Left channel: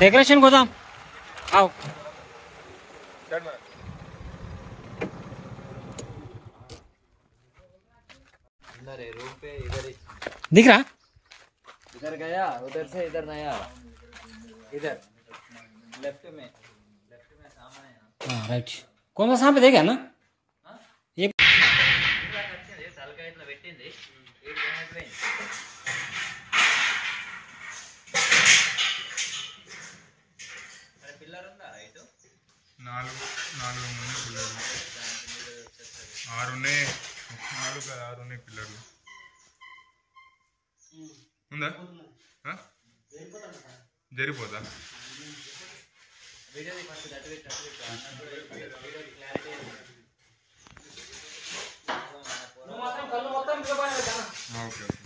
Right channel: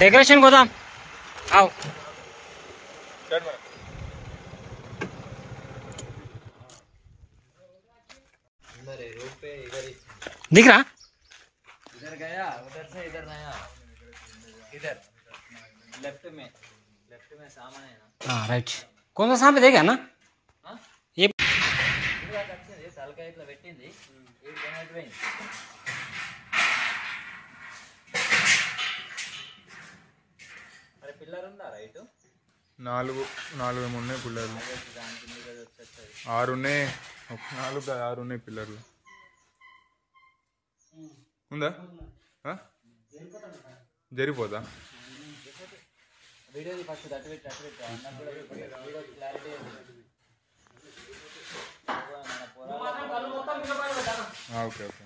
Decoration गोदाम आओ। Road पे इधर दिख रहा? इधर गया, उधर से इधर नहीं आ रहा। इधर लेफ्ट में सामने है ना। हाँ राइट। कौन सा सामने देगा ना ये తలకాయ ఇట్లా పెట్టింది వీడు తినకపోయింది. మరి పిల్లర్ ఉందా రైట్? నాలుగు ఉన్నాయి పిల్లర్లు. 6 ఉన్నాయి. 6 ఉన్నాయి పిల్లర్లు. ఉందా? జరిపోదా? వీడియో ఫస్ట్ అటు పెట్టి video clarity. Okay okay.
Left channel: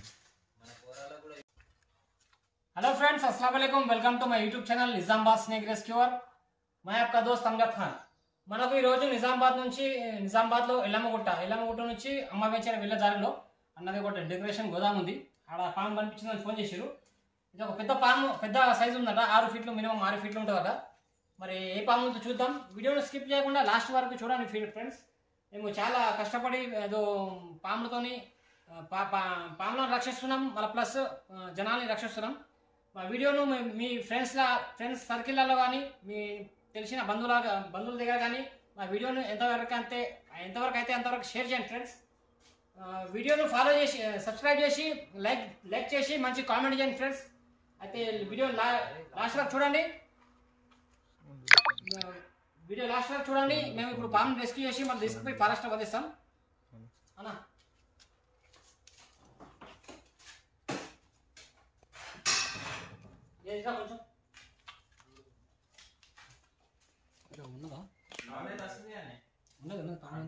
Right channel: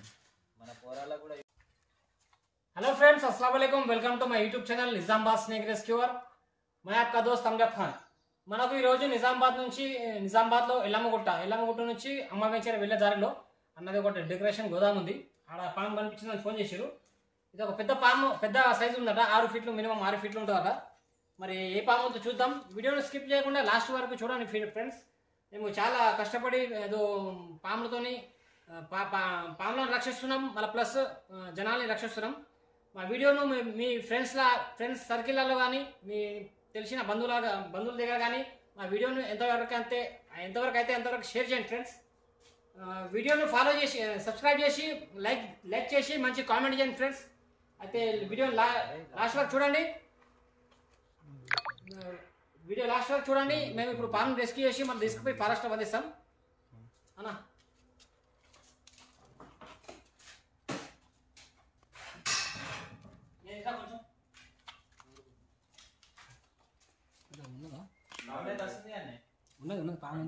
Hello friends, अस्सलाम वालेकुम। Welcome to my YouTube channel Nizamabad snake rescuer. मैं आपका दोस्त अमजद खान। మనకు ఈ రోజు నిజామాబాద్లో ఎల్లమ్మగుట్ట నుంచి అమ్మవేంచర వెళ్ళే దారిలో అన్నది ఒకటి డెకరేషన్ గోదాం ఉంది. ఆడ పాము కనిపించిందని ఫోన్ చేశారు. ఇది ఒక పెద్ద పాము, పెద్ద సైజు ఉందట. 6 ఫీట్లు, మినిమం 6 ఫీట్లు ఉంటుందట. మరి ఏ పాము ఉందో చూద్దాం. వీడియోని స్కిప్ చేయకుండా లాస్ట్ వరకు చూడండి ఫ్రెండ్స్. మేము చాలా కష్టపడి ఏదో పాములతోని పాములను రక్షిస్తున్నాం, మళ్ళీ ప్లస్ జనాల్ని రక్షిస్తున్నాం. మా వీడియోను మీ ఫ్రెండ్స్ సర్కిల్లలో కానీ మీ తెలిసిన బంధువుల దగ్గర కానీ మా వీడియోను ఎంతవరకు అయితే అంతవరకు షేర్ చేయండి ఫ్రెండ్స్. వీడియోను ఫాలో చేసి సబ్స్క్రైబ్ చేసి లైక్ చేసి మంచి కామెంట్ చేయండి ఫ్రెండ్స్. అయితే వీడియోని లాస్ట్ వరకు చూడండి. మేము ఇప్పుడు పాముని రెస్క్యూ చేసి మనం తీసుకుపోయి ఫారెస్ట్ వదిలిస్తాం అన్నా. ఉన్నది పాము.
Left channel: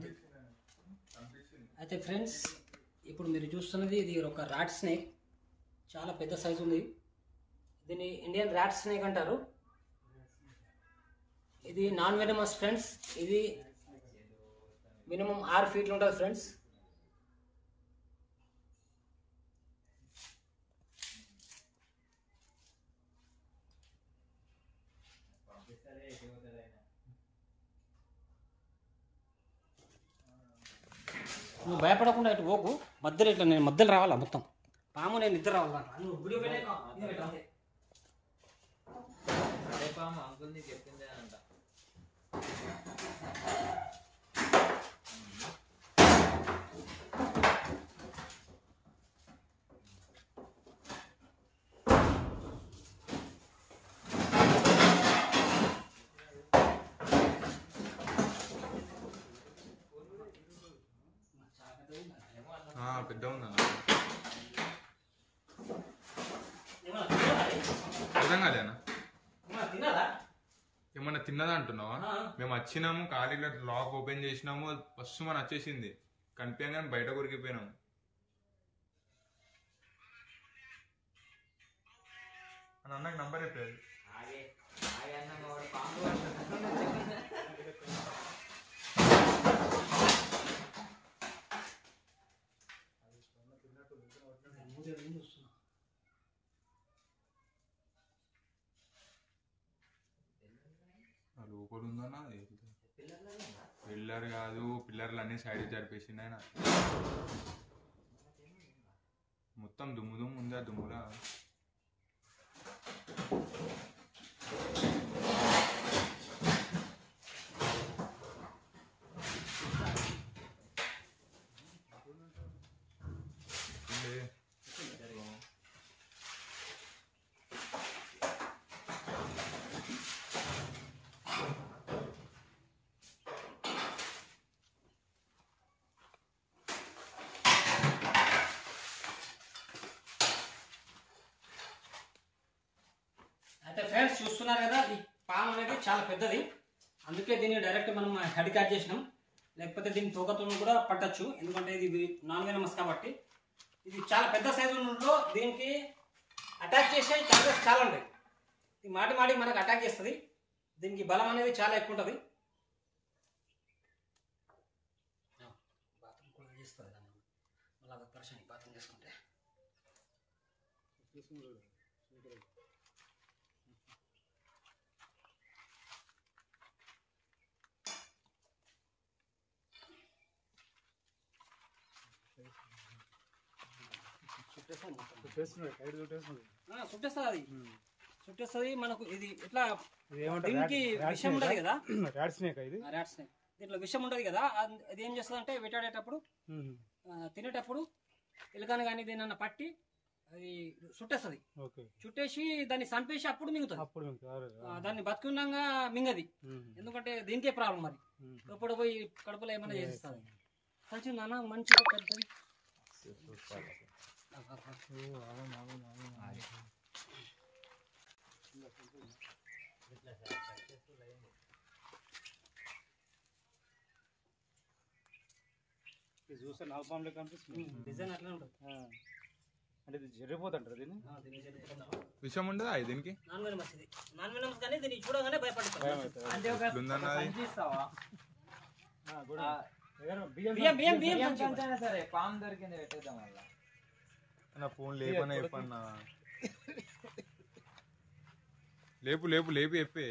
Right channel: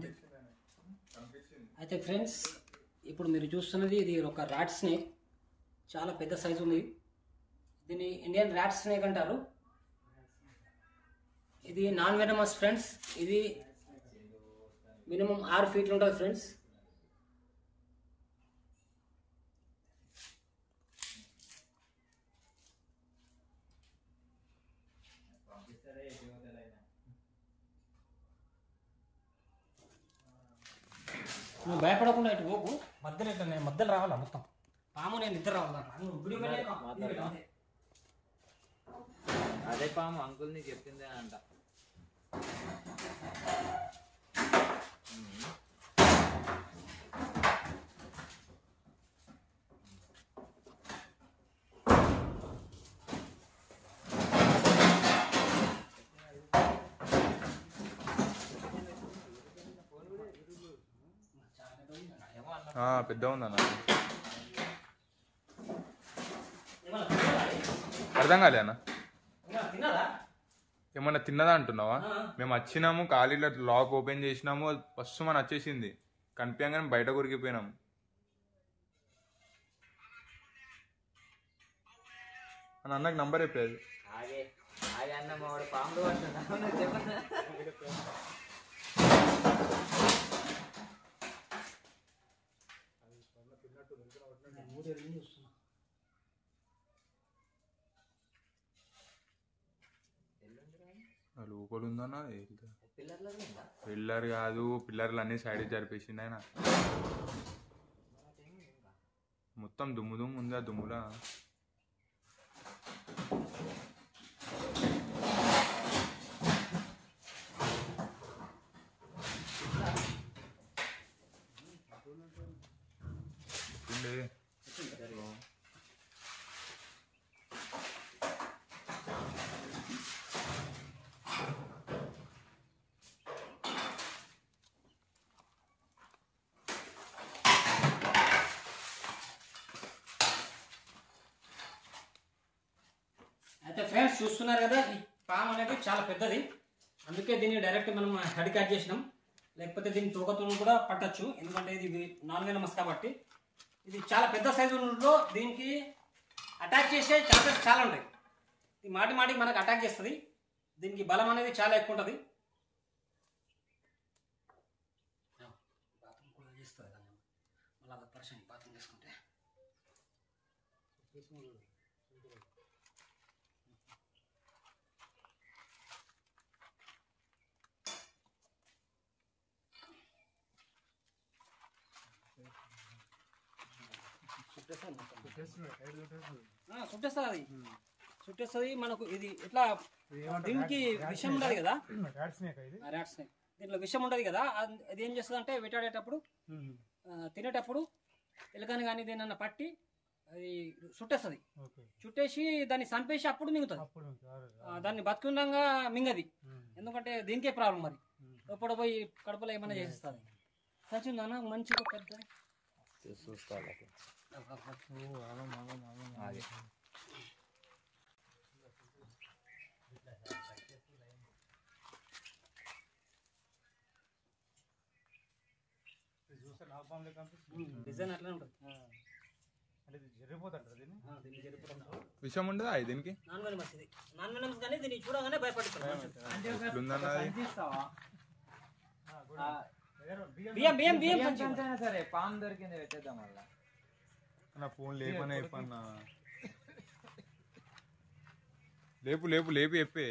అయితే ఫ్రెండ్స్, ఇప్పుడు మీరు చూస్తున్నది ఇది ఒక రాట్ స్నేక్. చాలా పెద్ద సైజు ఉంది. దీన్ని ఇండియన్ రాట్ స్నేక్ అంటారు. ఇది నాన్ వెనమస్ ఫ్రెండ్స్. ఇది మినిమం 6 ఫీట్లు ఉంటుంది ఫ్రెండ్స్. నువ్వు భయపడకుండా ఇటు పోకు, మధ్యలో ఇట్లా నేను మధ్యలో రావాలా, మొత్తం పాము నేను ఇద్దరు రావాలా. నువ్వు వీడియో అదే పాము అంకుల్ని చెప్పిందే అంట. పెద్ద ఉందన్న. అర్థం కాలే అన్న. ఏమన్నా తిన్నదా అంటున్నావా? మేము వచ్చినాము, ఖాళీలో లాక్ ఓపెన్ చేసినాము, ఫస్ట్ మనం వచ్చేసింది కనిపించగానే బయట కొరికిపోయినాము. అని అన్నకి నంబర్ అయిపోయేది. లోపల ఉందన్నా. పిల్లర్ కాదు, పిల్లర్లు అన్ని సైడ్ జరిపేసింది ఆయన. మొత్తం దుమ్ము ఉందా? దుమ్ములా అయితే ఫ్రెండ్స్ చూస్తున్నారు కదా, ఈ పాము అనేది చాలా పెద్దది. అందుకే దీన్ని డైరెక్ట్ మనం హెడ్ కట్ చేసినాం. లేకపోతే దీన్ని తోకతో కూడా పట్టచ్చు, ఎందుకంటే ఇది నాన్ వెనమస్ కాబట్టి. ఇది చాలా పెద్ద సైజులో దీనికి అటాక్ చేసే ఛాన్సెస్ చాలా ఉంటాయి. ఇది మాటి మనకు అటాక్ చేస్తుంది. దీనికి బలం అనేది చాలా ఎక్కువ ఉంటుంది. బాత్రూమ్ కూడా చేస్తుంది మళ్ళీ పర్సన్ బాత్రూమ్ చేసుకుంటే. చుట్టేస్తుంది అది చుట్టేస్తుంది మనకు. ఇది ఇట్లా దీనికి విషం ఉండదు కదా, ర్యాట్ స్నేక్. దీంట్లో విషం ఉండదు కదా, అది ఏం చేస్తుంది అంటే వేటాడేటప్పుడు తినేటప్పుడు ఎలుకని కానీ దేనన్నా పట్టి అది చుట్టేస్తుంది. చుట్టేసి దాన్ని చంపేసి అప్పుడు మింగుతుంది. దాన్ని బతుకుండగా మింగది, ఎందుకంటే దీనికే ప్రాబ్లం. మరి ఎప్పుడు పోయి కడుపులో ఏమైనా చేసేస్తుంది. సంచిందన్న మంచిగా పెద్దది. చూస్తే నాలుగు పాములు కనిపిస్తుంది. డిజైన్ అట్లనే ఉంటుంది. అంటే ఇది జరిగిపోతుంటారు దీన్ని. దీన్ని జరిగిపోతుంది. విషయం ఉండదా దీనికి? నాన్ వెనమస్ ఇది. నాన్ వెనమస్ కానీ దీన్ని చూడగానే భయపడతారు. అంటే ఒక ఎట్లుందన్న అది? సంచిస్తావా? బియ్యం సంచైనా సరే పాము దొరికింది పెట్టేద్దాం వల్ల. నా ఫోన్ లేపన్నా చెప్పన్నా. లేపు లేపు లేపి చెప్పే.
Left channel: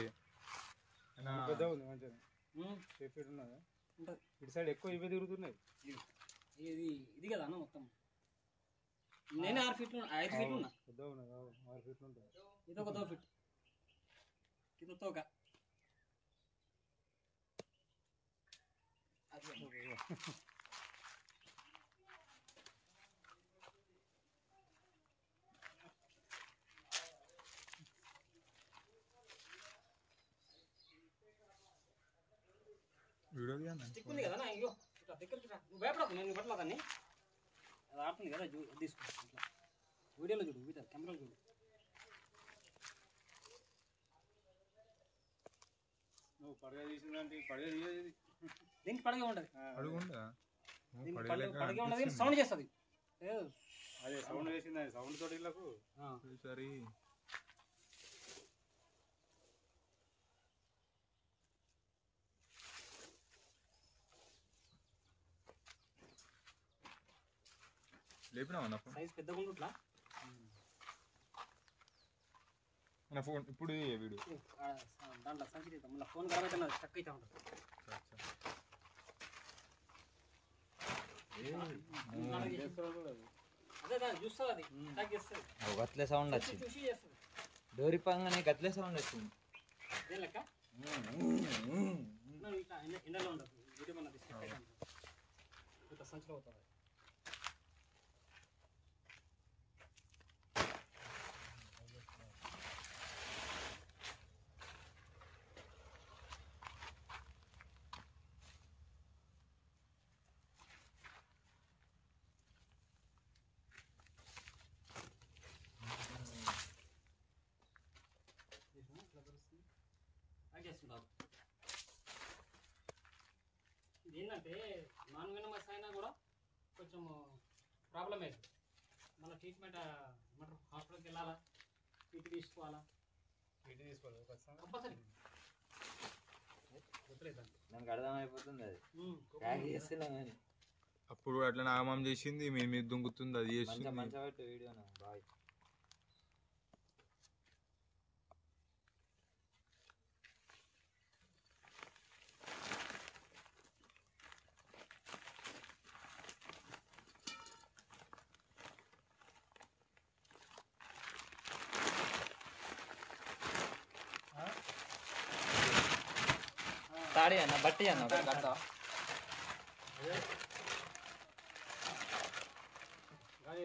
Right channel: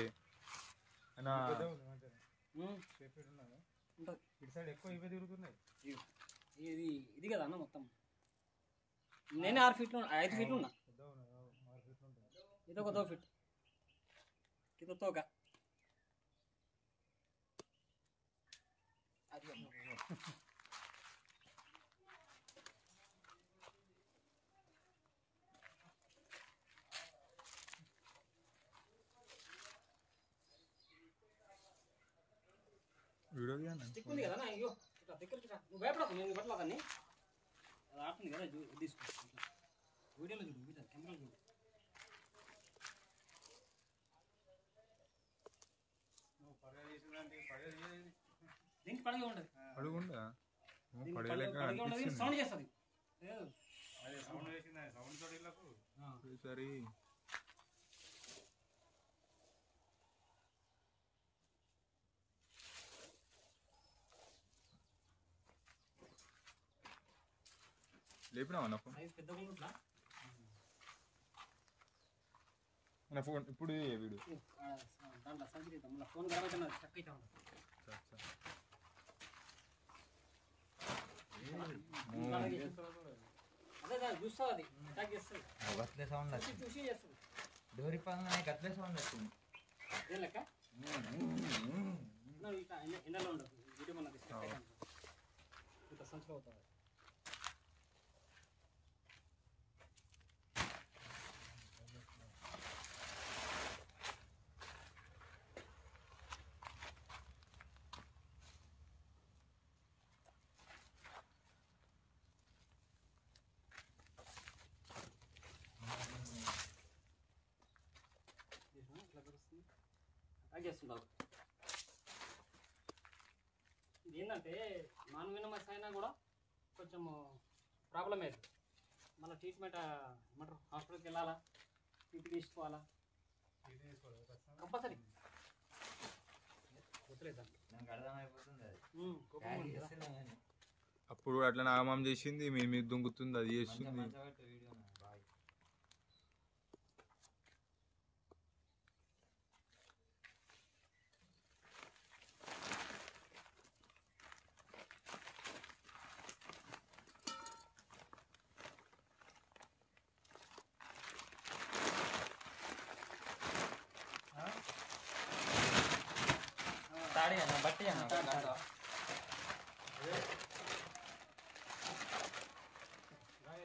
ఇటు సైడ్ ఎక్కువ ఇవే తిరుగుతున్నాయి. ఇది ఇది కదా అన్న మొత్తం. నేను 6 ఫీట్లు 5 ఫీట్లు ఉన్నా. ఇదొక 2 ఫీట్, ఇది తోక. వీడియో స్టిక్ ఉంది కదా అయ్యో ఇట్లా దగ్గరికి రా. నువ్వు భయపడకు, నేను పట్ల కానీ అది ఆడుతుంది కదా. తీసుకో వీడియోలో చూడు, వీడియో కెమెరాలో చూడు. నువ్వు పడగ తీసిందంటే పడగ తీయదు. దీనికి పడగే ఉంటుంది. అడుగుండా పడేలేక అనిపించింది. సౌండ్ చేస్తుంది. అదే సౌండ్ వేసింది. అది సౌండ్ తోటి వీళ్ళకు సరే లేపినావా నా ఫోన్? సైజ్ పెద్దగా ఉంటుంట్లా. నా ఫోన్ ఇప్పుడు వీడియో దాంట్లో సంచి మళ్ళీ ఫోన్ ఖరాబ్ అయితే స్టక్ అయితే ఉంటుంది. అదే దాన్ని చూస్తుంది, అది అటాక్ చేస్తుంది. గట్లే సౌండ్ వచ్చింది. చూసి చేస్తుంది. డోరి పంగానే గట్లే సౌండ్ వచ్చింది. అదే లెక్క ఇట్లా ఎండలో ఉండదు. వీడియో మన స్టక్ అయితే ఉంటుంది. ఇట్లా సంచిలో అవుతుంది. అటాక్ చేస్తుంటారు. ఇది ఏంటంటే నాన్ వెనమస్ అయినా కూడా కొంచెం ప్రాబ్లం అయ్యేది. మళ్ళీ ట్రీట్మెంట్ ఏమంటారు, హాస్పిటల్కి వెళ్ళాలా, టీటీ తీసుకోవాలా, కంపల్సరీ. నాకు అర్థమైపోతుంది అది. కోపం చేస్తున్నామని. అప్పుడు అట్లా నాగమాం చేసింది, మీ మీద దుంగుతుంది, అది చేస్తుంది. మంచిగా వీడియో బాయ్. తాడి అన్న బట్టి అన్న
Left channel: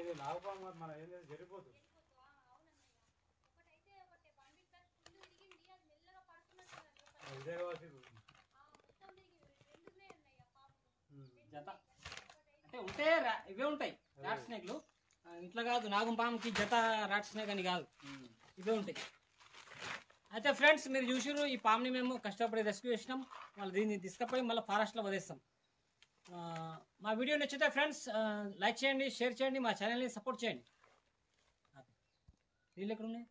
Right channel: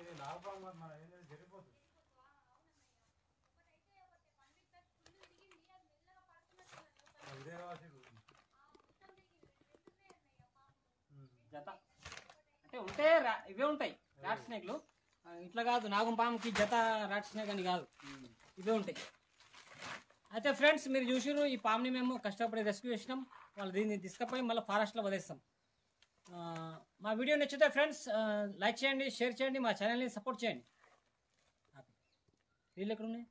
ఇది నాగపాము మన ఏంటంటే జరిగిపోతుంది. ఇదే కాబట్టి జత అంటే ఉంటే ఇవే ఉంటాయి రాట్ స్నేక్లు. ఇట్లా కాదు, నాగం పాముకి జత రాట్ స్నేక్ అని కాదు, ఇవే ఉంటాయి. అయితే ఫ్రెండ్స్ మీరు చూసారు, ఈ పాముని మేము కష్టపడి రెస్క్యూ చేసినాం. వాళ్ళు దీన్ని తీసుకుపోయి మళ్ళీ ఫారెస్ట్లో వదిలేస్తాం. మా వీడియో నచ్చితే ఫ్రెండ్స్ లైక్ చేయండి, షేర్ చేయండి, మా ఛానల్ని సపోర్ట్ చేయండి. వీళ్ళు ఎక్కడ ఉన్నాయి?